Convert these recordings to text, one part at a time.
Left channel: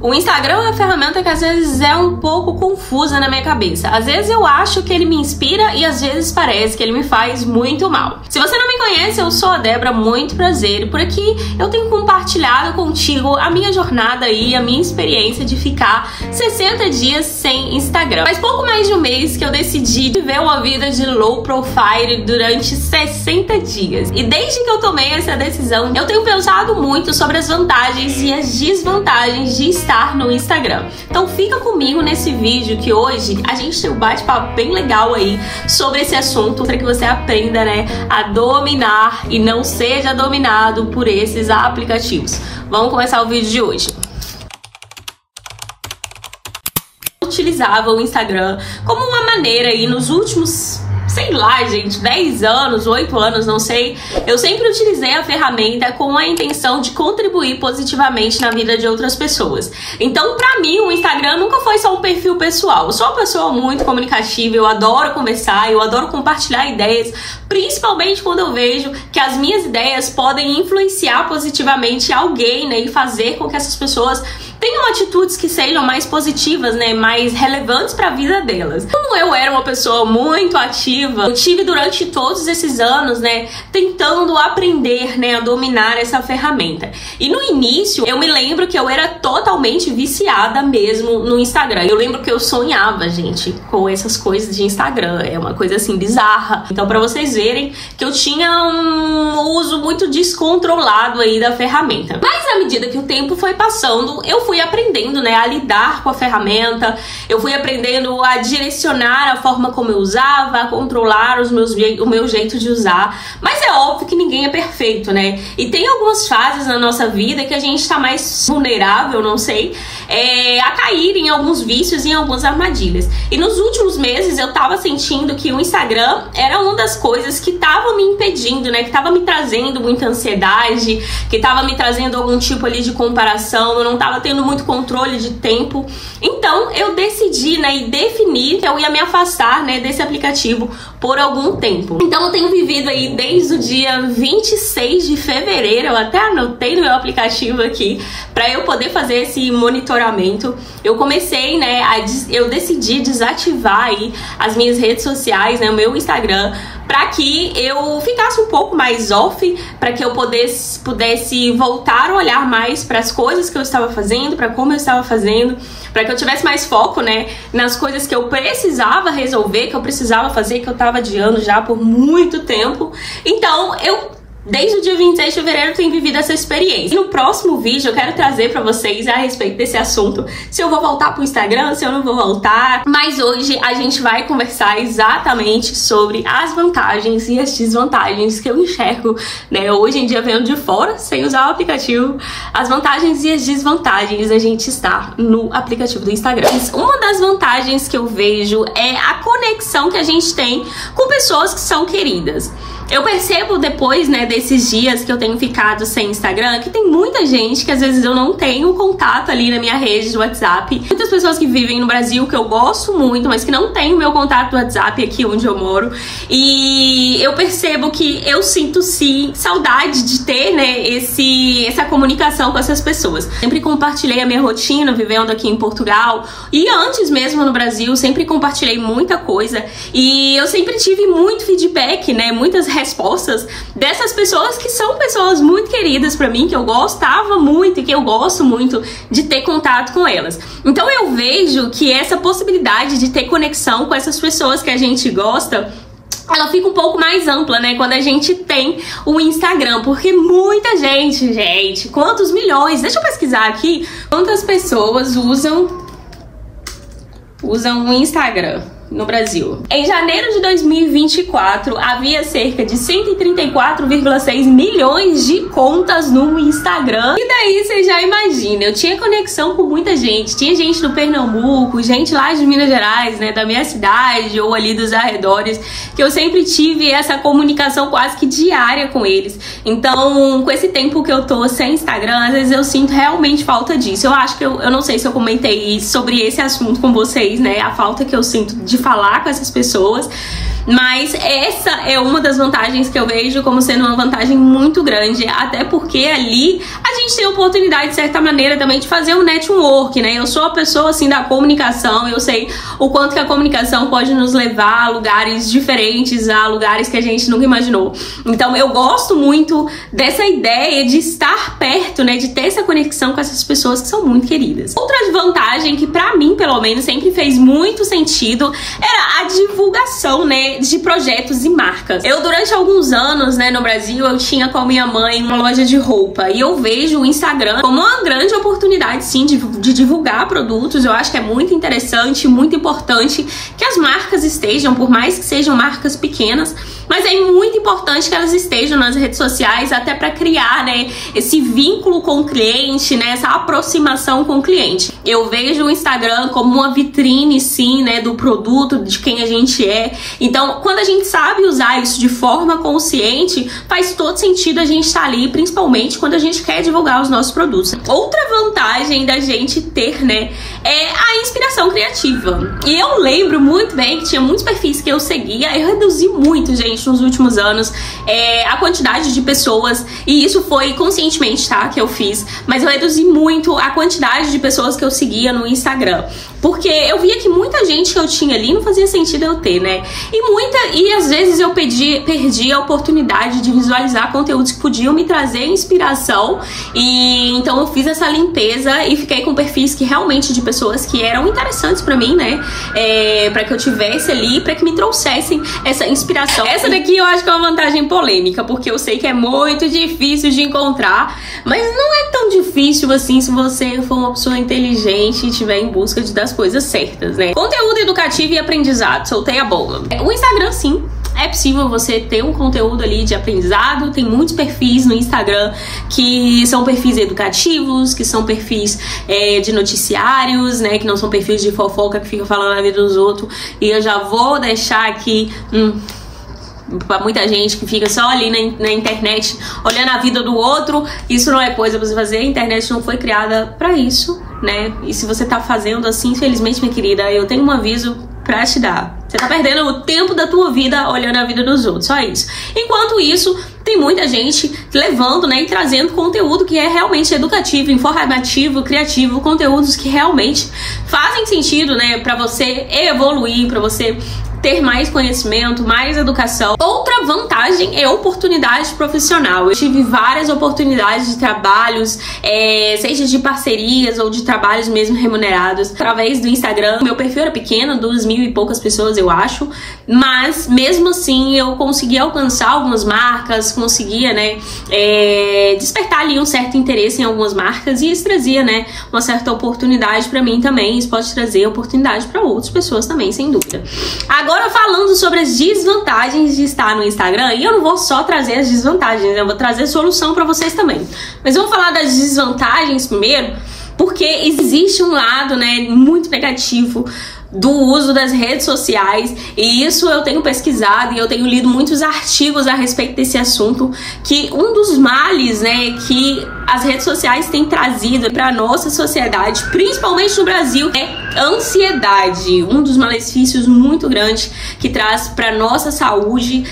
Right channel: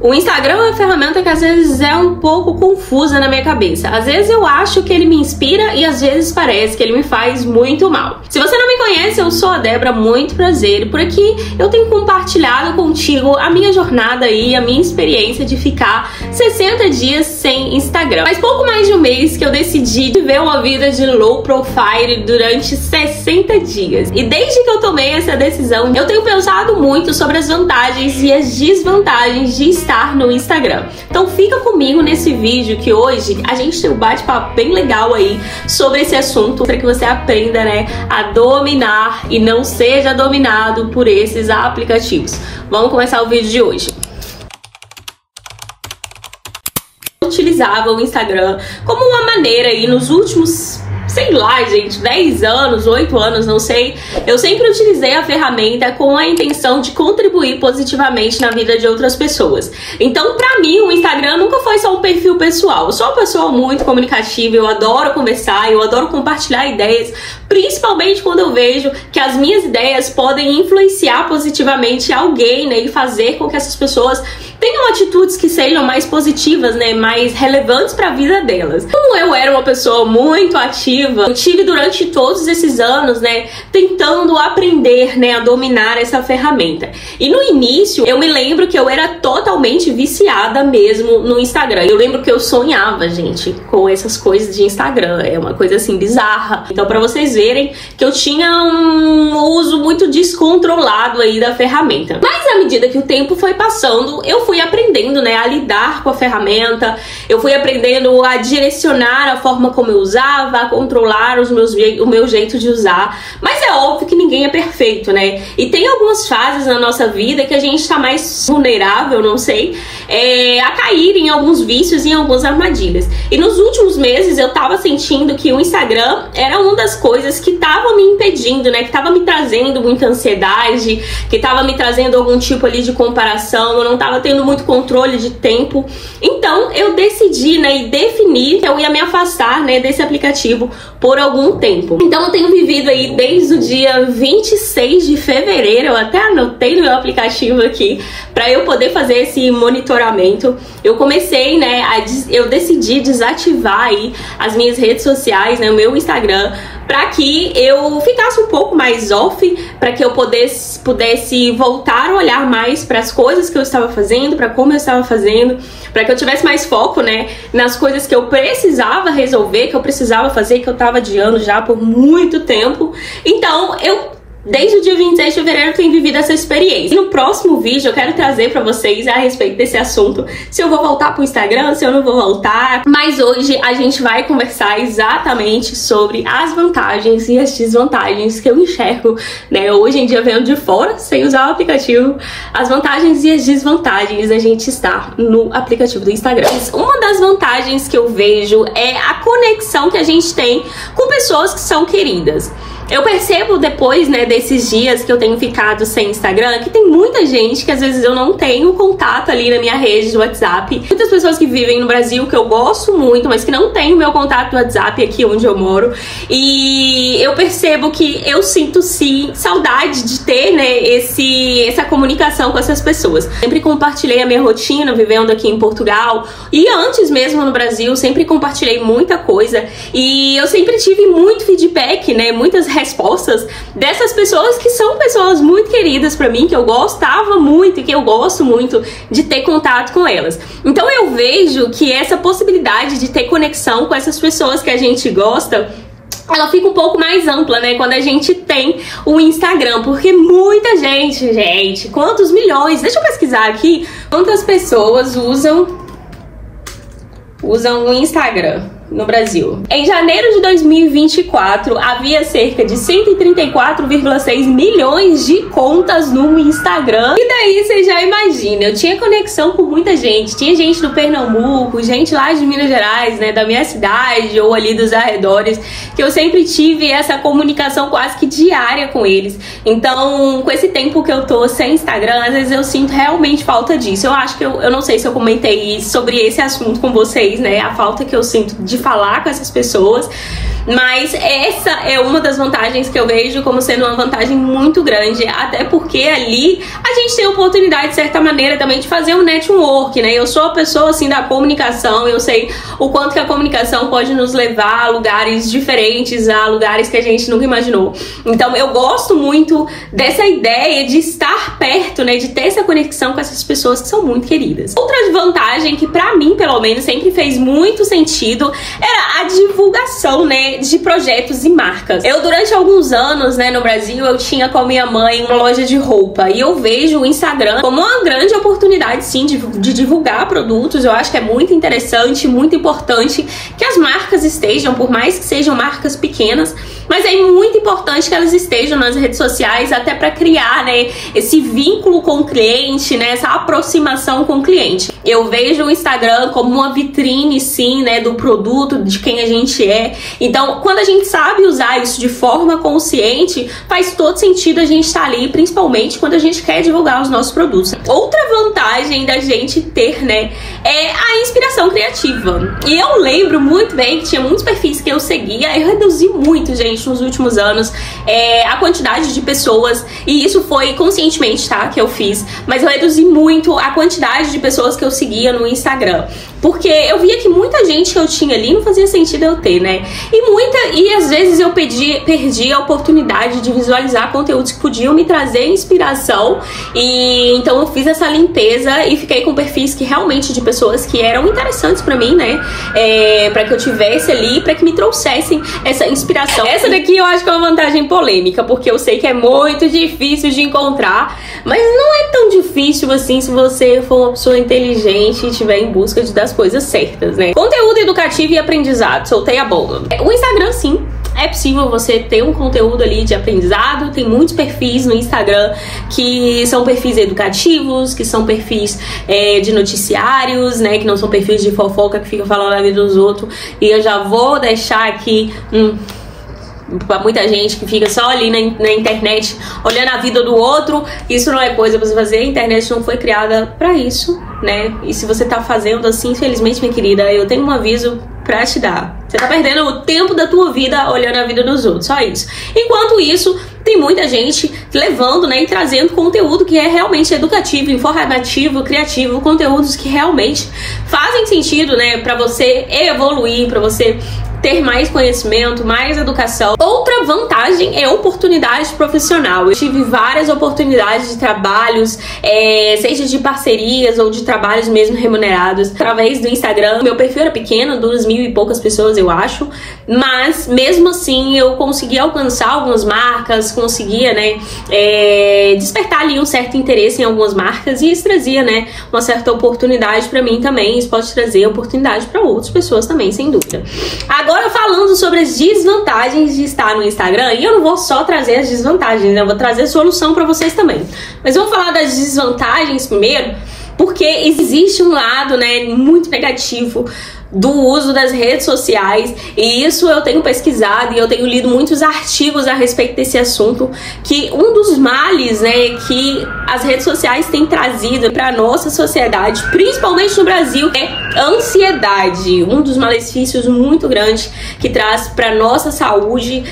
O Instagram é uma ferramenta que às vezes é um pouco confusa na minha cabeça. Às vezes eu acho que ele me inspira e às vezes parece que ele me faz muito mal. Se você não me conhece, eu sou a Débora, muito prazer. E por aqui eu tenho compartilhado contigo a minha jornada aí, a minha experiência de ficar 60 dias sem Instagram. Faz pouco mais de um mês que eu decidi viver uma vida de low profile durante 60 dias. E desde que eu tomei essa decisão, eu tenho pensado muito sobre as vantagens e as desvantagens de estar no Instagram. Então fica comigo nesse vídeo que hoje a gente tem um bate-papo bem legal aí sobre esse assunto para que você aprenda, né, a dominar e não seja dominado por esses aplicativos. Vamos começar o vídeo de hoje. Eu utilizava o Instagram como uma maneira aí nos últimos, sei lá, gente, 10 anos, 8 anos, não sei. Eu sempre utilizei a ferramenta com a intenção de contribuir positivamente na vida de outras pessoas. Então, pra mim, o Instagram nunca foi só um perfil pessoal. Eu sou uma pessoa muito comunicativa, eu adoro conversar, eu adoro compartilhar ideias, principalmente quando eu vejo que as minhas ideias podem influenciar positivamente alguém, né, e fazer com que essas pessoas tenham atitudes que sejam mais positivas, né, mais relevantes para a vida delas. Como eu era uma pessoa muito ativa, eu tive durante todos esses anos, né, tentando aprender, né, a dominar essa ferramenta. E no início, eu me lembro que eu era totalmente viciada mesmo no Instagram. Eu lembro que eu sonhava, gente, com essas coisas de Instagram. É uma coisa assim bizarra. Então, para vocês verem que eu tinha um uso muito descontrolado aí da ferramenta. Mas à medida que o tempo foi passando, eu fui aprendendo, né, a lidar com a ferramenta, eu fui aprendendo a direcionar a forma como eu usava, a controlar o meu jeito de usar. Mas é óbvio que ninguém é perfeito, né? E tem algumas fases na nossa vida que a gente tá mais vulnerável, não sei, a cair em alguns vícios e em algumas armadilhas. E nos últimos meses eu tava sentindo que o Instagram era uma das coisas que tava me impedindo, né, que tava me trazendo muita ansiedade, que tava me trazendo algum tipo ali de comparação, eu não tava tendo muito controle de tempo. Então eu decidi, né, e defini que eu ia me afastar, né, desse aplicativo por algum tempo. Então eu tenho vivido aí desde o dia 26 de fevereiro, eu até anotei no meu aplicativo aqui, para eu poder fazer esse monitoramento. Eu comecei, né, eu decidi desativar aí as minhas redes sociais, né, o meu Instagram, para que eu ficasse um pouco mais off, para que eu pudesse voltar a olhar mais para as coisas que eu estava fazendo, para como eu estava fazendo, para que eu tivesse mais foco, né, nas coisas que eu precisava resolver, que eu precisava fazer, que eu estava adiando já por muito tempo. Então, desde o dia 26 de fevereiro eu tenho vivido essa experiência. E no próximo vídeo eu quero trazer pra vocês a respeito desse assunto, se eu vou voltar pro Instagram, se eu não vou voltar. Mas hoje a gente vai conversar exatamente sobre as vantagens e as desvantagens que eu enxergo, né, hoje em dia vendo de fora, sem usar o aplicativo, as vantagens e as desvantagens da gente estar no aplicativo do Instagram. Uma das vantagens que eu vejo é a conexão que a gente tem com pessoas que são queridas. Eu percebo depois, né, desses dias que eu tenho ficado sem Instagram, que tem muita gente que às vezes eu não tenho contato ali na minha rede do WhatsApp. Muitas pessoas que vivem no Brasil, que eu gosto muito, mas que não tem o meu contato do WhatsApp aqui onde eu moro. E eu percebo que eu sinto, sim, saudade de ter, né, essa comunicação com essas pessoas. Sempre compartilhei a minha rotina vivendo aqui em Portugal. E antes mesmo no Brasil, sempre compartilhei muita coisa. E eu sempre tive muito feedback, né, muitas respostas dessas pessoas que são pessoas muito queridas pra mim, que eu gostava muito e que eu gosto muito de ter contato com elas. Então eu vejo que essa possibilidade de ter conexão com essas pessoas que a gente gosta, ela fica um pouco mais ampla, né, quando a gente tem o Instagram, porque muita gente, quantos milhões, deixa eu pesquisar aqui, quantas pessoas usam o Instagram no Brasil. Em janeiro de 2024, havia cerca de 134,6 milhões de contas no Instagram. E daí você já imagina, eu tinha conexão com muita gente. Tinha gente do Pernambuco, gente lá de Minas Gerais, né, da minha cidade ou ali dos arredores, que eu sempre tive essa comunicação quase que diária com eles. Então, com esse tempo que eu tô sem Instagram, às vezes eu sinto realmente falta disso. Eu acho que eu não sei se eu comentei sobre esse assunto com vocês, né, a falta que eu sinto de falar com essas pessoas. Mas essa é uma das vantagens que eu vejo como sendo uma vantagem muito grande, até porque ali a gente tem a oportunidade, de certa maneira, também de fazer um network, né? Eu sou a pessoa, assim, da comunicação, eu sei o quanto que a comunicação pode nos levar a lugares diferentes, a lugares que a gente nunca imaginou. Então eu gosto muito dessa ideia de estar perto, né? De ter essa conexão com essas pessoas que são muito queridas. Outra vantagem que pra mim, pelo menos, sempre fez muito sentido era a divulgação, né? De projetos e marcas. Eu, durante alguns anos, né, no Brasil, eu tinha com a minha mãe uma loja de roupa e eu vejo o Instagram como uma grande oportunidade, sim, de divulgar produtos. Eu acho que é muito interessante, muito importante que as marcas estejam, por mais que sejam marcas pequenas, mas é muito importante que elas estejam nas redes sociais, até para criar, né, esse vínculo com o cliente, né, essa aproximação com o cliente. Eu vejo o Instagram como uma vitrine, sim, né, do produto, de quem a gente é. Então, quando a gente sabe usar isso de forma consciente, faz todo sentido a gente estar ali, principalmente quando a gente quer divulgar os nossos produtos. Outra vantagem da gente ter, né, é a inspiração criativa. E eu lembro muito bem que tinha muitos perfis que eu seguia, eu reduzi muito, gente, nos últimos anos, a quantidade de pessoas, e isso foi conscientemente, tá, que eu fiz, mas eu reduzi muito a quantidade de pessoas que eu seguia no Instagram, porque eu via que muita gente que eu tinha ali não fazia sentido eu ter, né, e às vezes eu perdi a oportunidade de visualizar conteúdos que podiam me trazer inspiração, e então eu fiz essa limpeza e fiquei com perfis que realmente de pessoas que eram interessantes pra mim, né, pra que eu tivesse ali, pra que me trouxessem essa inspiração. Essa daqui eu acho que é uma vantagem polêmica, porque eu sei que é muito difícil de encontrar, mas não é tão difícil assim se você for uma pessoa inteligente e estiver em busca das coisas certas, né? Conteúdo educativo e aprendizado, soltei a bomba. O Instagram, sim, é possível você ter um conteúdo ali de aprendizado. Tem muitos perfis no Instagram que são perfis educativos, que são perfis de noticiários, né? Que não são perfis de fofoca que ficam falando a vida dos outros. E eu já vou deixar aqui pra muita gente que fica só ali na internet olhando a vida do outro. Isso não é coisa pra você fazer. A internet não foi criada pra isso, né? E se você tá fazendo assim, infelizmente, minha querida, eu tenho um aviso pra te dar. Você tá perdendo o tempo da tua vida olhando a vida dos outros, só isso. Enquanto isso, tem muita gente levando, né, e trazendo conteúdo que é realmente educativo, informativo, criativo, conteúdos que realmente fazem sentido, né, pra você evoluir, pra você ter mais conhecimento, mais educação. Outra vantagem é oportunidade profissional. Eu tive várias oportunidades de trabalhos, seja de parcerias ou de trabalhos mesmo remunerados, através do Instagram. Meu perfil era pequeno, 2.000 e poucas pessoas, eu acho, mas mesmo assim eu conseguia alcançar algumas marcas, conseguia, né, despertar ali um certo interesse em algumas marcas, e isso trazia, né, uma certa oportunidade pra mim também. Isso pode trazer oportunidade pra outras pessoas também, sem dúvida. Agora, falando sobre as desvantagens de estar no Instagram, e eu não vou só trazer as desvantagens, né? Eu vou trazer solução pra vocês também. Mas eu vou falar das desvantagens primeiro, porque existe um lado, né, muito negativo do uso das redes sociais, e isso eu tenho pesquisado e eu tenho lido muitos artigos a respeito desse assunto, que um dos males, né, que as redes sociais têm trazido para nossa sociedade, principalmente no Brasil, é ansiedade. Um dos malefícios muito grandes que traz para nossa saúde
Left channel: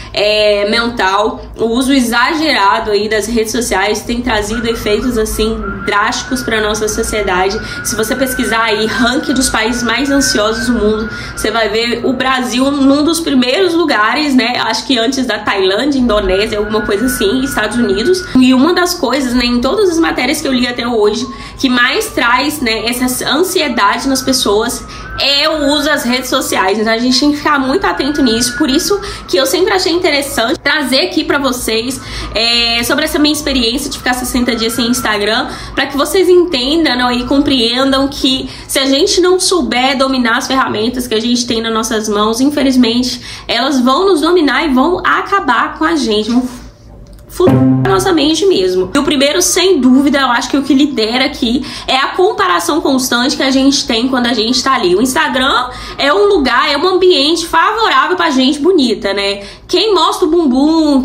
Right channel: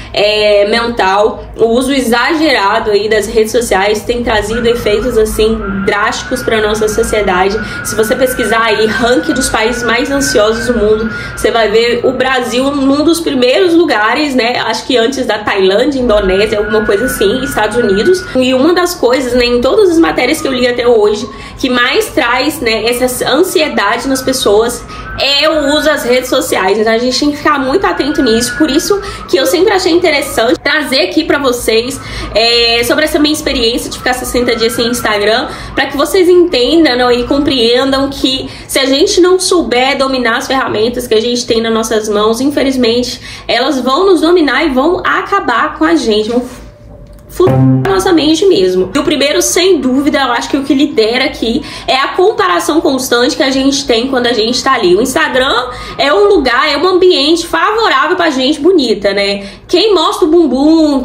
mental. O uso exagerado aí das redes sociais tem trazido efeitos assim drásticos para nossa sociedade. Se você pesquisar aí ranking dos países mais ansiosos do mundo, você vai ver o Brasil num dos primeiros lugares, né? Acho que antes da Tailândia, Indonésia, alguma coisa assim, Estados Unidos. E uma das coisas, né, em todas as matérias que eu li até hoje, que mais traz, né, essa ansiedade nas pessoas é o uso das redes sociais. Então a gente tem que ficar muito atento nisso. Por isso que eu sempre achei interessante trazer aqui pra vocês sobre essa minha experiência de ficar 60 dias sem Instagram, para que vocês entendam e compreendam que se a gente não souber dominar as ferramentas que a gente tem nas nossas mãos, infelizmente elas vão nos dominar e vão acabar com a gente, vão a nossa mente mesmo. E o primeiro, sem dúvida, eu acho que o que lidera aqui é a comparação constante que a gente tem quando a gente tá ali. O Instagram é um lugar, é um ambiente favorável pra gente bonita, né? Quem mostra o bumbum,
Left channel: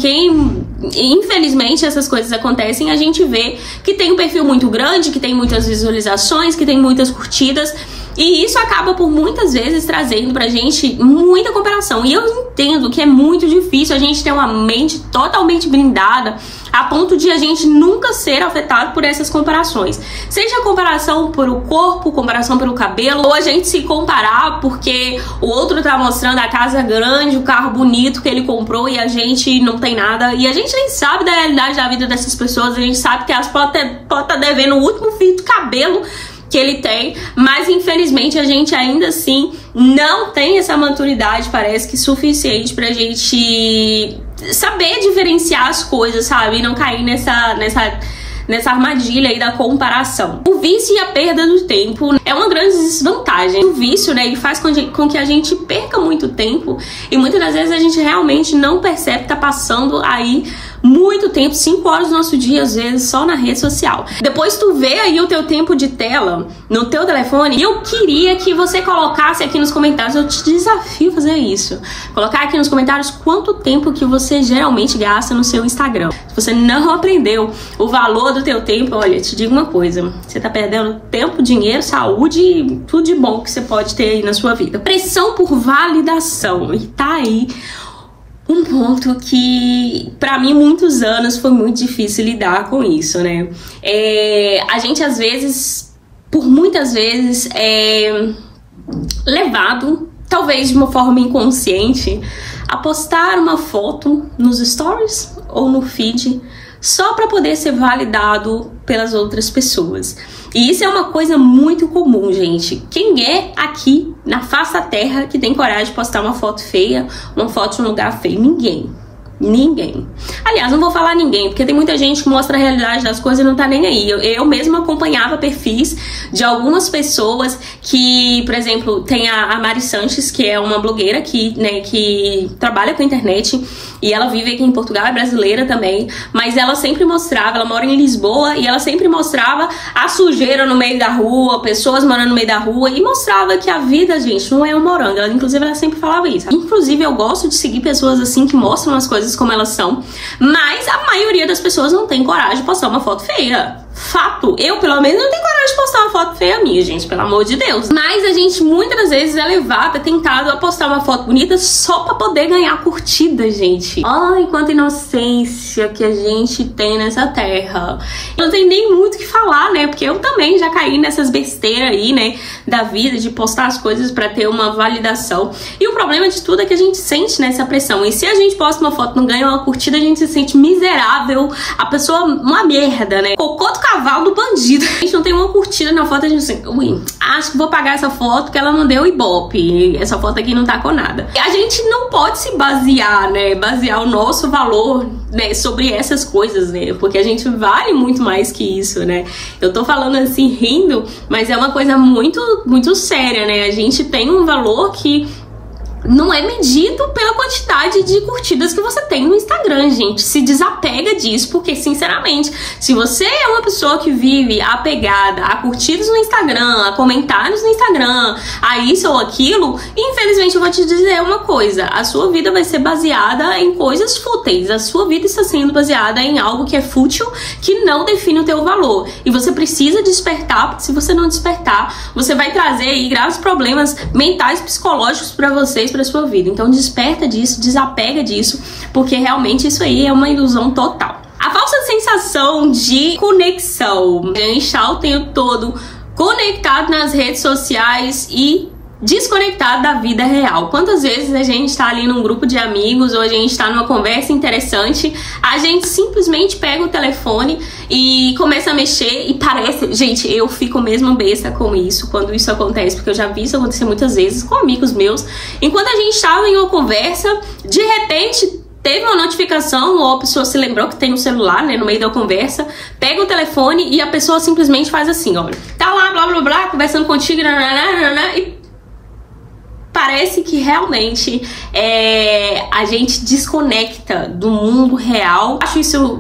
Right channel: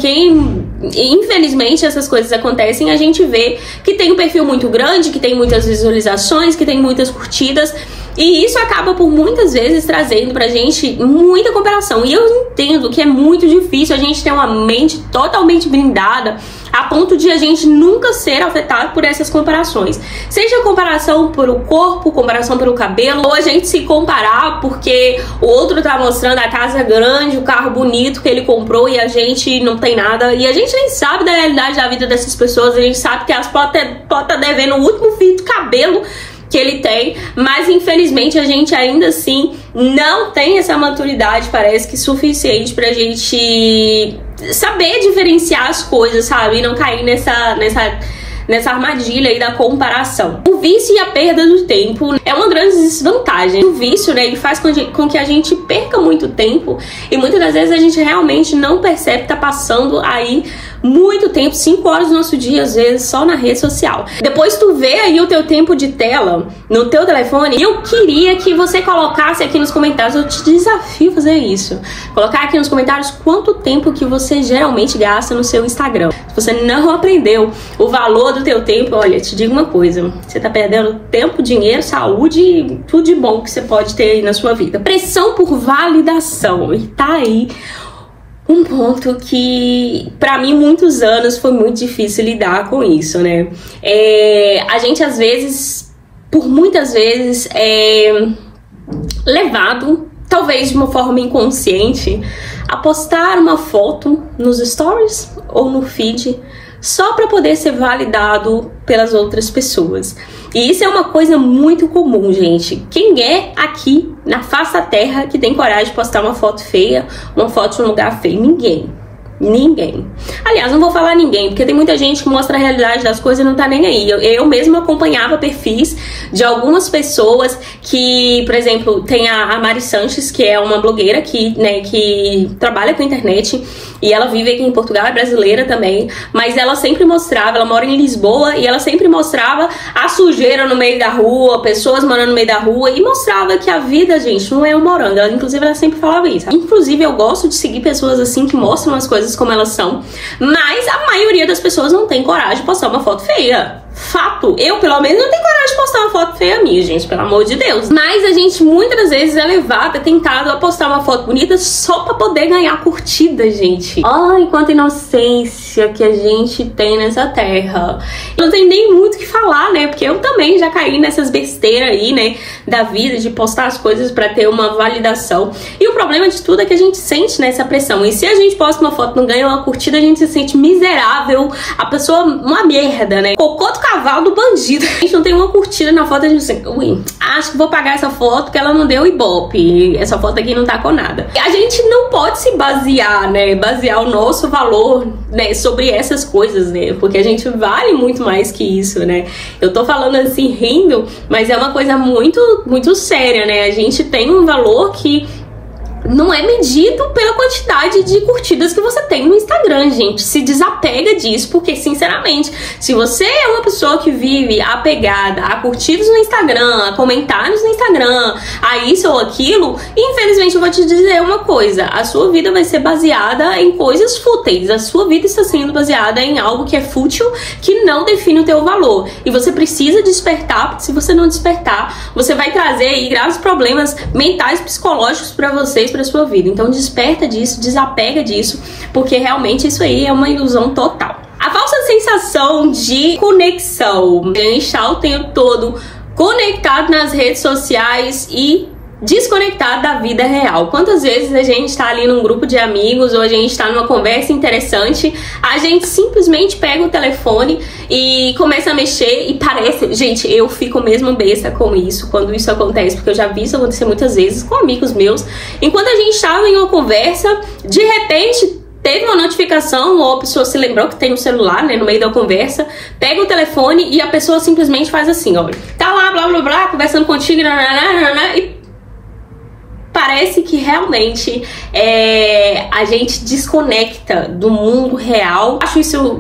infelizmente essas coisas acontecem, a gente vê que tem um perfil muito grande, que tem muitas visualizações, que tem muitas curtidas, E isso acaba por muitas vezes trazendo pra gente muita comparação. E eu entendo que é muito difícil a gente ter uma mente totalmente blindada a ponto de a gente nunca ser afetado por essas comparações. Seja comparação pelo corpo, comparação pelo cabelo, ou a gente se comparar porque o outro tá mostrando a casa grande, o carro bonito que ele comprou e a gente não tem nada. E a gente nem sabe da realidade da vida dessas pessoas. A gente sabe que elas podem estar devendo o último fio de cabelo que ele tem, mas infelizmente a gente ainda assim não tem essa maturidade, parece que suficiente pra gente saber diferenciar as coisas, sabe? E não cair nessa armadilha aí da comparação. O vício e a perda do tempo é uma grande desvantagem. O vício, né, ele faz com que a gente perca muito tempo e muitas das vezes a gente realmente não percebe que tá passando aí muito tempo, 5 horas do nosso dia, às vezes, só na rede social. Depois tu vê aí o teu tempo de tela no teu telefone, e eu queria que você colocasse aqui nos comentários, eu te desafio a fazer isso. Colocar aqui nos comentários quanto tempo que você geralmente gasta no seu Instagram. Se você não aprendeu o valor do teu tempo, olha, te digo uma coisa, você tá perdendo tempo, dinheiro, saúde, tudo de bom que você pode ter aí na sua vida. Pressão por validação, e tá aí um ponto que, pra mim, muitos anos foi muito difícil lidar com isso, né? A gente, às vezes, por muitas vezes, é levado, talvez de uma forma inconsciente, a postar uma foto nos stories ou no feed só para poder ser validado pelas outras pessoas. E isso é uma coisa muito comum, gente. Quem é aqui na face da terra que tem coragem de postar uma foto feia, uma foto de um lugar feio? Ninguém. Ninguém. Aliás, não vou falar ninguém, porque tem muita gente que mostra a realidade das coisas e não tá nem aí. Eu mesma acompanhava perfis de algumas pessoas que, por exemplo, tem a Mari Sanches, que é uma blogueira que, né, que trabalha com internet, e ela vive aqui em Portugal, é brasileira também, mas ela sempre mostrava, ela mora em Lisboa, e ela sempre mostrava a sujeira no meio da rua, pessoas morando no meio da rua, e mostrava que a vida, gente, não é um morango. Inclusive, ela sempre falava isso. Inclusive, eu gosto de seguir pessoas assim, que mostram as coisas como elas são, mas a maioria das pessoas não tem coragem de postar uma foto feia. Fato, eu pelo menos não tenho coragem de postar uma foto feia minha, gente, pelo amor de Deus. Mas a gente muitas das vezes é levado, é tentado a postar uma foto bonita só pra poder ganhar curtida, gente. Ai, quanta inocência que a gente tem nessa terra. Não tem nem muito o que falar, né, porque eu também já caí nessas besteiras aí, né, da vida, de postar as coisas pra ter uma validação. E o problema de tudo é que a gente sente nessa pressão. E se a gente posta uma foto e não ganha uma curtida, a gente se sente miserável, a pessoa uma merda, né, cocô do cavalo do bandido. A gente não tem uma curtida na foto, a gente assim, ui, acho que vou pagar essa foto que ela não deu ibope, essa foto aqui não tá com nada. E a gente não pode se basear, né, basear o nosso valor, né, sobre essas coisas, né, porque a gente vale muito mais que isso, né. Eu tô falando assim rindo, mas é uma coisa muito séria, né. A gente tem um valor que não é medido pela quantidade de curtidas que você tem no Instagram, gente. Se desapega disso, porque, sinceramente, se você é uma pessoa que vive apegada a curtidas no Instagram, a comentários no Instagram, a isso ou aquilo, infelizmente eu vou te dizer uma coisa, a sua vida vai ser baseada em coisas fúteis, a sua vida está sendo baseada em algo que é fútil, que não define o teu valor. E você precisa despertar, porque se você não despertar, você vai trazer aí graves problemas mentais, psicológicos para vocês, para sua vida. Então desperta disso, desapega disso, porque realmente isso aí é uma ilusão total. A falsa sensação de conexão. A gente está o tempo todo conectado nas redes sociais e desconectado da vida real. Quantas vezes a gente tá ali num grupo de amigos ou a gente tá numa conversa interessante, a gente simplesmente pega o telefone e começa a mexer e parece... Gente, eu fico mesmo besta com isso, quando isso acontece, porque eu já vi isso acontecer muitas vezes com amigos meus. Enquanto a gente tava em uma conversa, de repente teve uma notificação, ou a pessoa se lembrou que tem um celular, né, no meio da conversa, pega o telefone e a pessoa simplesmente faz assim, olha, tá lá, blá, blá, blá, conversando contigo, e parece que realmente a gente desconecta do mundo real. Acho isso,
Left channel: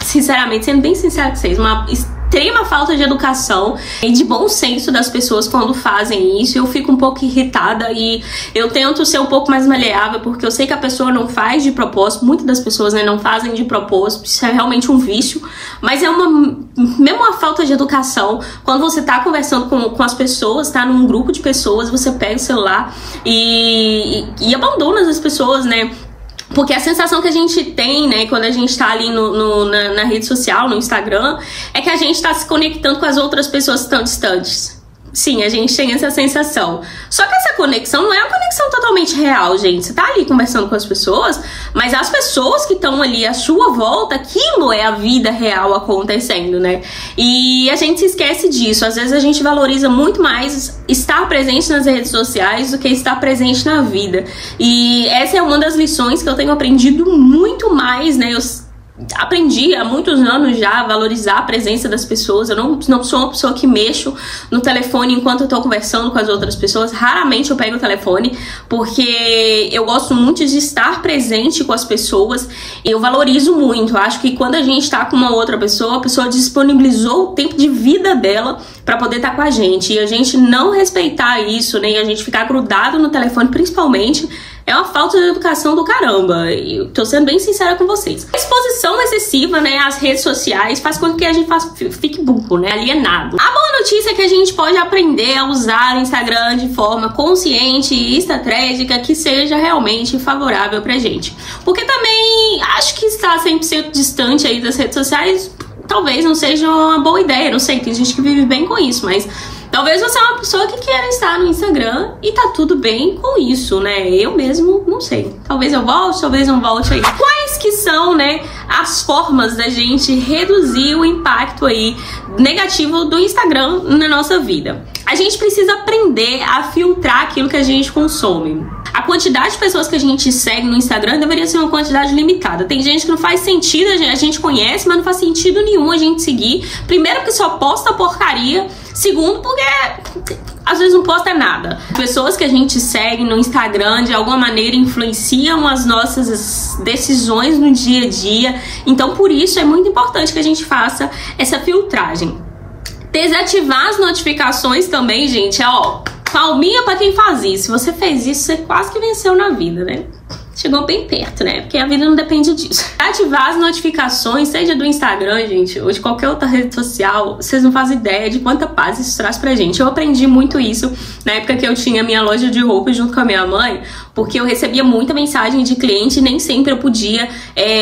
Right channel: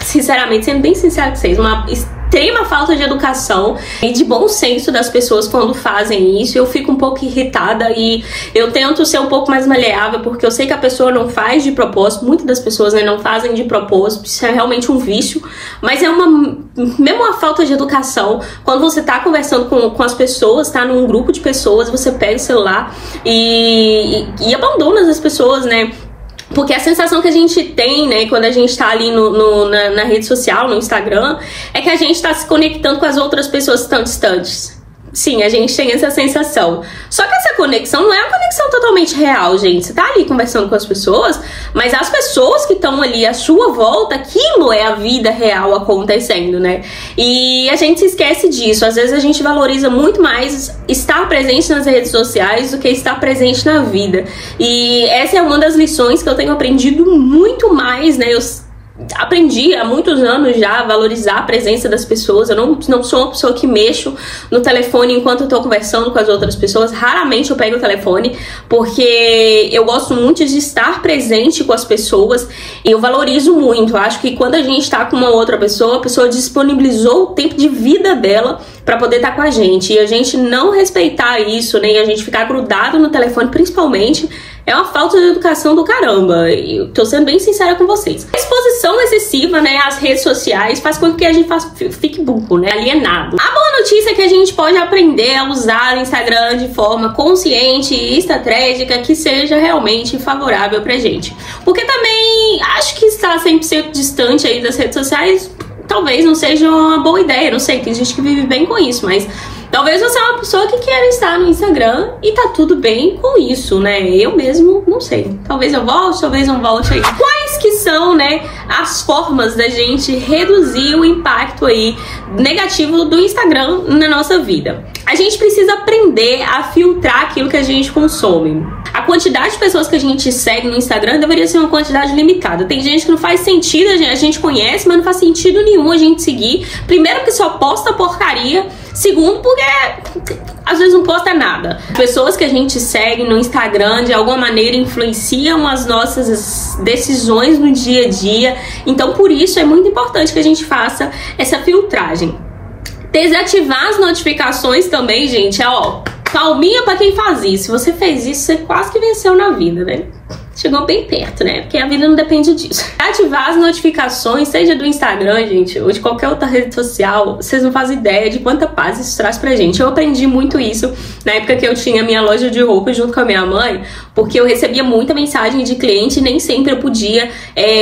sinceramente, sendo bem sincero com vocês, uma extrema falta de educação e de bom senso das pessoas quando fazem isso. Eu fico um pouco irritada e eu tento ser um pouco mais maleável, porque eu sei que a pessoa não faz de propósito, muitas das pessoas, né, não fazem de propósito, isso é realmente um vício, mas é mesmo uma falta de educação. Quando você tá conversando com as pessoas, tá num grupo de pessoas, você pega o celular e abandona as pessoas, né? Porque a sensação que a gente tem, né, quando a gente tá ali na rede social, no Instagram, é que a gente tá se conectando com as outras pessoas tão distantes. Sim, a gente tem essa sensação. Só que essa conexão não é uma conexão totalmente real, gente. Você tá ali conversando com as pessoas, mas as pessoas que estão ali à sua volta, aquilo é a vida real acontecendo, né? E a gente se esquece disso. Às vezes a gente valoriza muito mais estar presente nas redes sociais do que estar presente na vida. E essa é uma das lições que eu tenho aprendido muito mais, né? Eu aprendi há muitos anos já a valorizar a presença das pessoas. Eu não sou uma pessoa que mexo no telefone enquanto eu tô conversando com as outras pessoas. Raramente eu pego o telefone, porque eu gosto muito de estar presente com as pessoas e eu valorizo muito. Eu acho que quando a gente tá com uma outra pessoa, a pessoa disponibilizou o tempo de vida dela pra poder estar com a gente. E a gente não respeitar isso, né, e a gente ficar grudado no telefone, principalmente, é uma falta de educação do caramba. Eu tô sendo bem sincera com vocês. A exposição excessiva, né, às redes sociais faz com que a gente fique burro, né, alienado. A boa notícia é que a gente pode aprender a usar o Instagram de forma consciente e estratégica que seja realmente favorável pra gente. Porque também acho que estar 100% distante aí das redes sociais talvez não seja uma boa ideia. Não sei, tem gente que vive bem com isso, mas talvez você é uma pessoa que queira estar no Instagram e tá tudo bem com isso, né? Eu mesmo não sei. Talvez eu volte, talvez não volte aí. Quais que são, né, as formas da gente reduzir o impacto aí negativo do Instagram na nossa vida? A gente precisa aprender a filtrar aquilo que a gente consome. A quantidade de pessoas que a gente segue no Instagram deveria ser uma quantidade limitada. Tem gente que não faz sentido, a gente conhece, mas não faz sentido nenhum a gente seguir. Primeiro, porque só posta porcaria. Segundo, porque às vezes não posta nada. Pessoas que a gente segue no Instagram de alguma maneira influenciam as nossas decisões no dia a dia. Então, por isso é muito importante que a gente faça essa filtragem. Desativar as notificações também, gente, ó, palminha pra quem faz isso. Se você fez isso, você quase que venceu na vida, né? Chegou bem perto, né? Porque a vida não depende disso. Ativar as notificações, seja do Instagram, gente, ou de qualquer outra rede social, vocês não fazem ideia de quanta paz isso traz pra gente. Eu aprendi muito isso na época que eu tinha minha loja de roupas junto com a minha mãe, porque eu recebia muita mensagem de cliente e nem sempre eu podia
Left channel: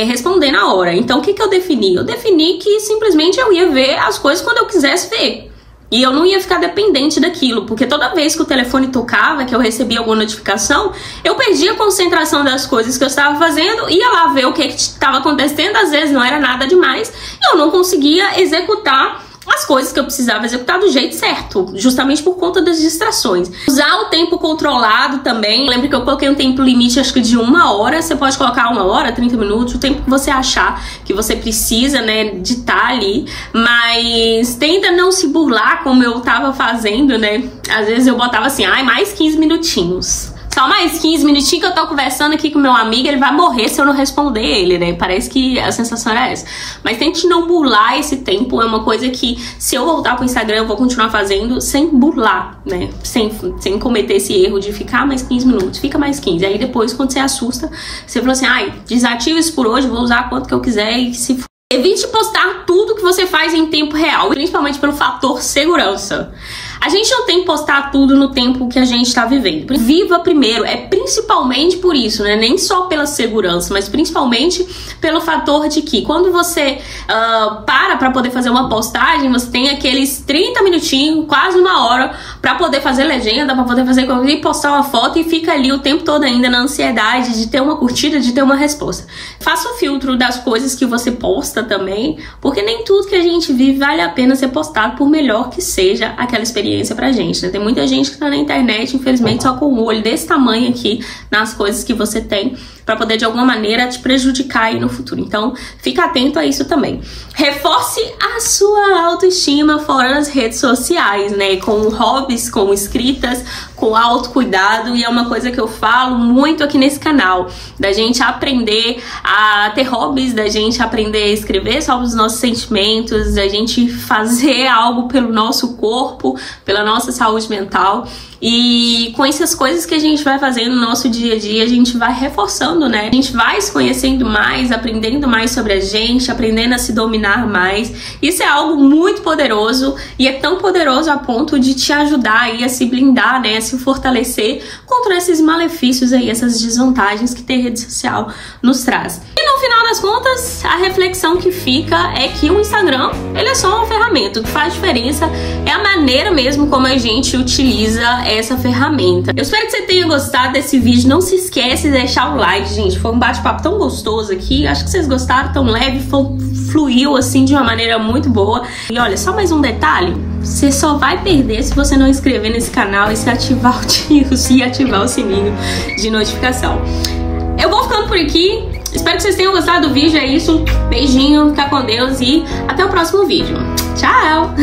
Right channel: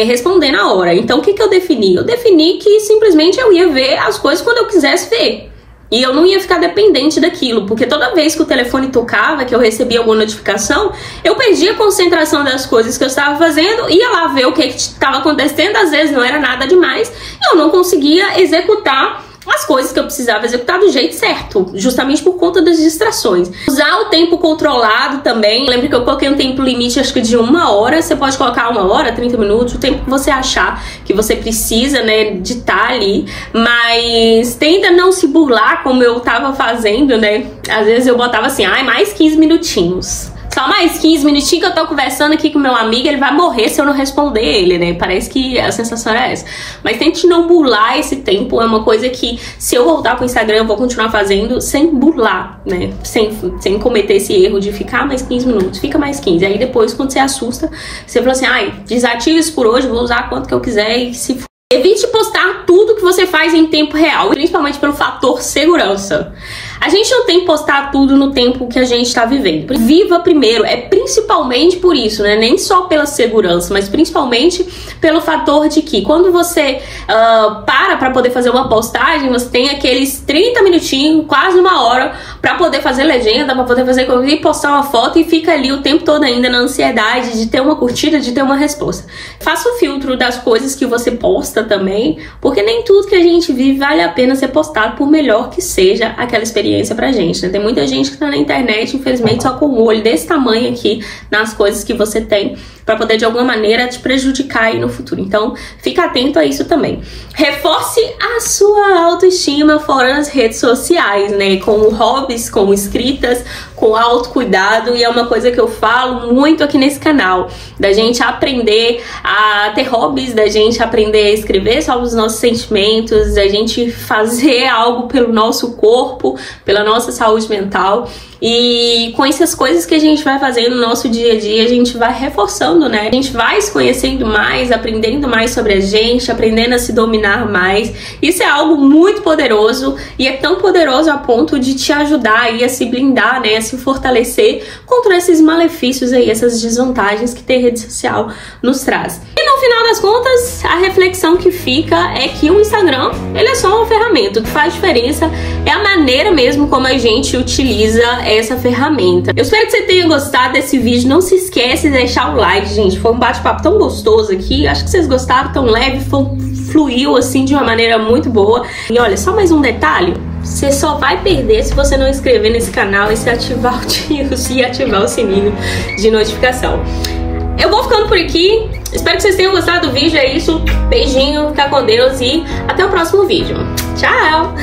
responder na hora. Então, o que eu defini? Eu defini que simplesmente eu ia ver as coisas quando eu quisesse ver. E eu não ia ficar dependente daquilo, porque toda vez que o telefone tocava, que eu recebia alguma notificação, eu perdia a concentração das coisas que eu estava fazendo, ia lá ver o que estava acontecendo, às vezes não era nada demais, e eu não conseguia executar as coisas que eu precisava executar do jeito certo, justamente por conta das distrações. Usar o tempo controlado também. Lembra que eu coloquei um tempo limite, acho que de 1 hora. Você pode colocar 1 hora, 30 minutos, o tempo que você achar que você precisa, né, de estar ali. Mas tenta não se burlar como eu tava fazendo, né? Às vezes eu botava assim, ai, mais 15 minutinhos. Só mais 15 minutinhos que eu tô conversando aqui com meu amigo, ele vai morrer se eu não responder ele, né? Parece que a sensação era essa. Mas tente não burlar esse tempo, é uma coisa que se eu voltar pro Instagram eu vou continuar fazendo sem burlar, né? Sem cometer esse erro de ficar mais 15 minutos, fica mais 15. Aí depois, quando você assusta, você fala assim, ai, desativa isso por hoje, vou usar quanto que eu quiser e se for. Evite postar tudo que você faz em tempo real, principalmente pelo fator segurança. A gente não tem que postar tudo no tempo que a gente está vivendo. Viva primeiro, é principalmente por isso, né? Nem só pela segurança, mas principalmente pelo fator de que quando você para poder fazer uma postagem, você tem aqueles 30 minutinhos, quase 1 hora, para poder fazer legenda, para poder fazer e postar uma foto e fica ali o tempo todo ainda na ansiedade de ter uma curtida, de ter uma resposta. Faça o filtro das coisas que você posta também, porque nem tudo que a gente vive vale a pena ser postado, por melhor que seja aquela experiência pra gente, né? Tem muita gente que tá na internet, infelizmente, só com o olho desse tamanho aqui nas coisas que você tem para poder de alguma maneira te prejudicar aí no futuro. Então, fica atento a isso também. Reforce a sua autoestima fora das redes sociais, né? Com hobbies, com escritas, com autocuidado, e é uma coisa que eu falo muito aqui nesse canal, da gente aprender a ter hobbies, da gente aprender a escrever sobre os nossos sentimentos, da gente fazer algo pelo nosso corpo, pela nossa saúde mental. E com essas coisas que a gente vai fazendo no nosso dia a dia, a gente vai reforçando, né? A gente vai se conhecendo mais, aprendendo mais sobre a gente, aprendendo a se dominar mais. Isso é algo muito poderoso, e é tão poderoso a ponto de te ajudar aí a se blindar, né? A se fortalecer contra esses malefícios aí, essas desvantagens que ter rede social nos traz. E no final das contas, a reflexão que fica é que o Instagram, ele é só uma ferramenta. O que faz diferença é a maneira mesmo como a gente utiliza essa ferramenta. Eu espero que você tenha gostado desse vídeo. Não se esquece de deixar o like, gente. Foi um bate-papo tão gostoso aqui. Acho que vocês gostaram, tão leve, fluiu assim de uma maneira muito boa. E olha, só mais um detalhe. Você só vai perder se você não inscrever nesse canal e se ativar o sininho de notificação. Eu vou ficando por aqui. Espero que vocês tenham gostado do vídeo. É isso. Beijinho, fica com Deus e até o próximo vídeo. Tchau!